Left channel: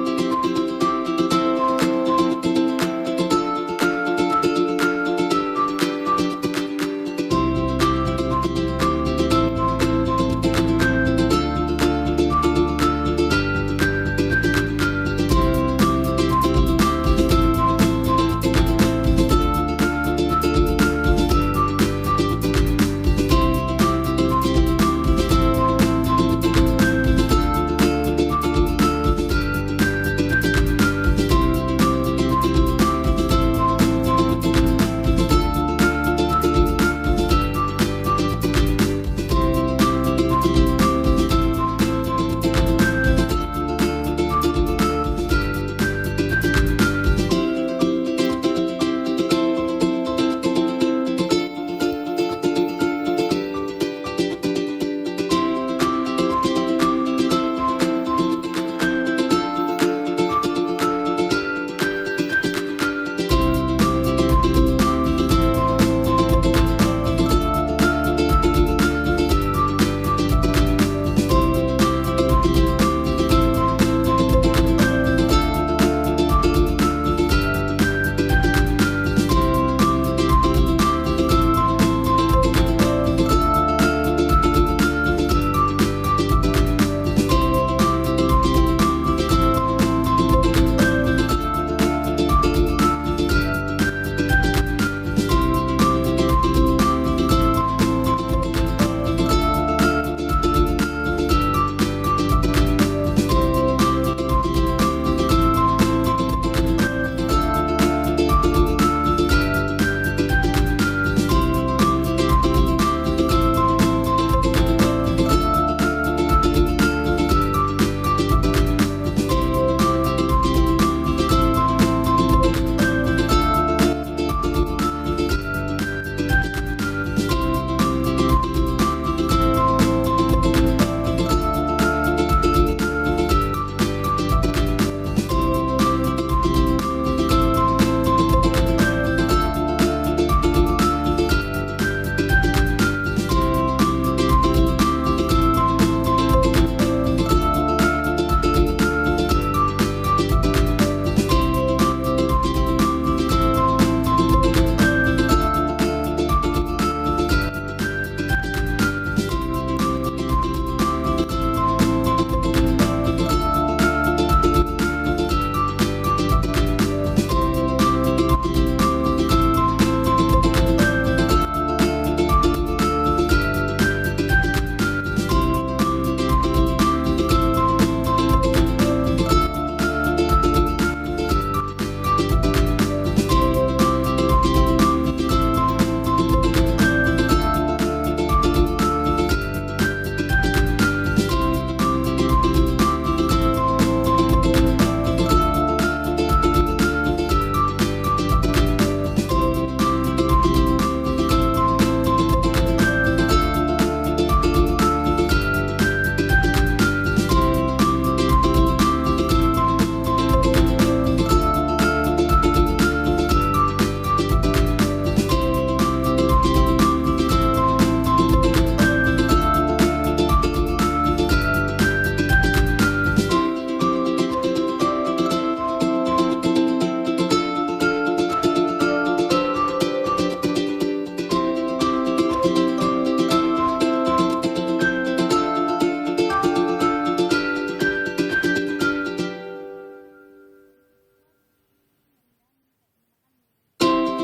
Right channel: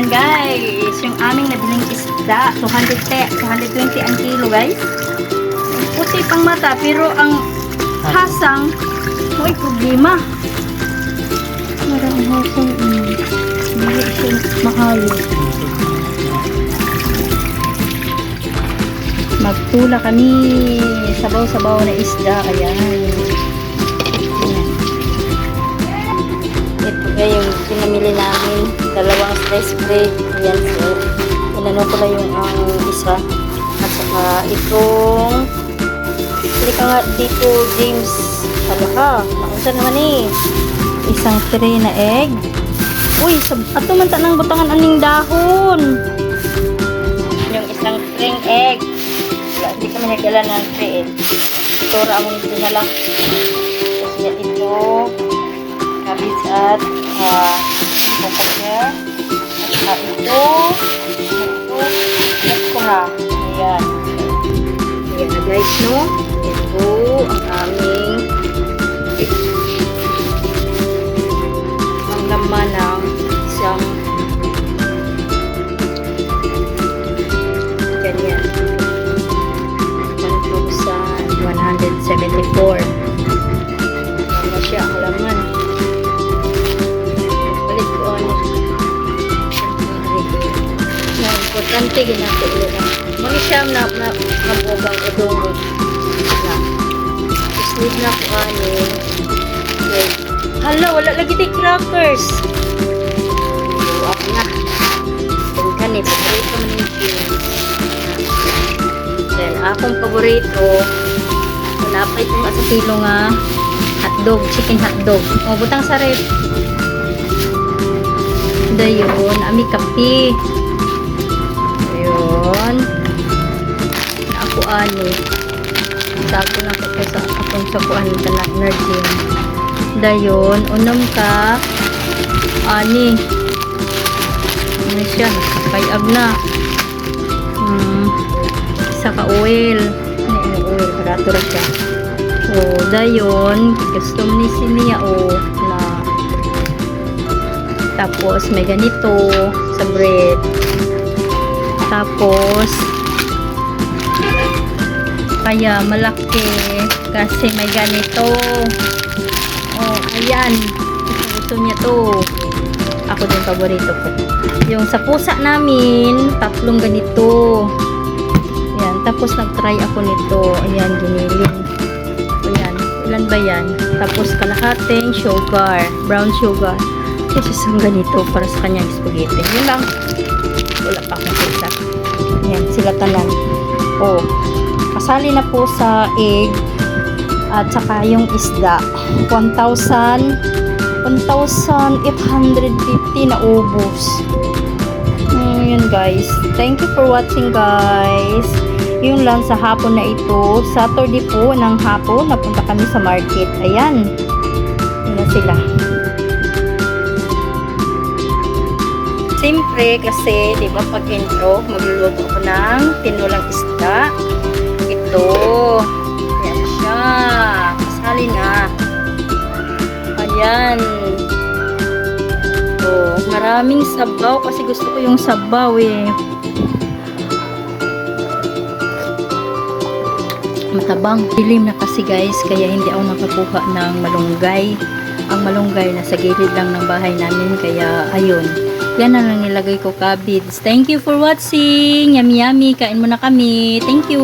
Ayan guys, yung aming nabiling isda, 220 ang kilo guys. Puti pang mata, pero ang hasang, may problema. Parang hasang, mahal. Magtula kami, sabaw-sabaw na isda, ayan. Spray. Yan, so inano ko lang yung isa at saka itong hindi ka nga dito James ano ka, nakunsa naman Isang tray na egg. Uy, ato man tanang butangan aning dahon. yung isang string egg hindi ka managala ng string tora among dinala kasi ito cabbage at papaya ito okra. Ayan. Ayan guys, no? Ito ang aming ang laman ng isang ganyan 1,174 ano siya ang laman. Balik ko importante ginagawa nila. Mga siyam na mabugang itong sleep na po Hala, wala lagi di crackers. Ako na. Tingkan then akong paborito napay itong Sa kilo nga hotdog, chicken hotdog. O, butang sa ref. Dayon, ami kape. Tago na ko sa akong sakuan na nerdin. Dayon, unang ka ani. Ano siya? Nakapayag na. Isa ka oil. Ano yung oil? Karatura siya. O, dayon, gusto ni siya o na. Tapos, may ganito sa bread. Tapos, kaya malaki kasi may ganito. Oh, ayan. Gusto niya to. Ako din paborito ko. Yung sa pusa namin, 3 ganito. Ayan. Tapos nag-try ako nito. Ayan, ginilin. Ayan. Ilan ba yan? Tapos kalahating sugar. Brown sugar. Kasi isang ganito para sa kanyang spaghetti. Yun lang. Wala pa akong isa. Ayan. Sila talang. Oh. Kasali na po sa egg at saka yung isda 1,850 na ubos. Yun guys, thank you for watching guys. Yung lang sa hapon na ito, Saturday po ng hapon napunta kami sa market. Ayan, yun sila. Siyempre kasi di ba pag intro magluluto ko ng tinulang isda. Ito. Yan siya. Kasali na. Ayan. Ito. Maraming sabaw kasi gusto ko yung sabaw eh. Matabang. Dilim na kasi guys kaya hindi ako nakakuha ng malunggay. Ang malunggay nasa gilid lang ng bahay namin kaya ayun. Yan na lang nilagay ko cabbage. Thank you for watching. Yummy yummy. Kain muna kami. Thank you.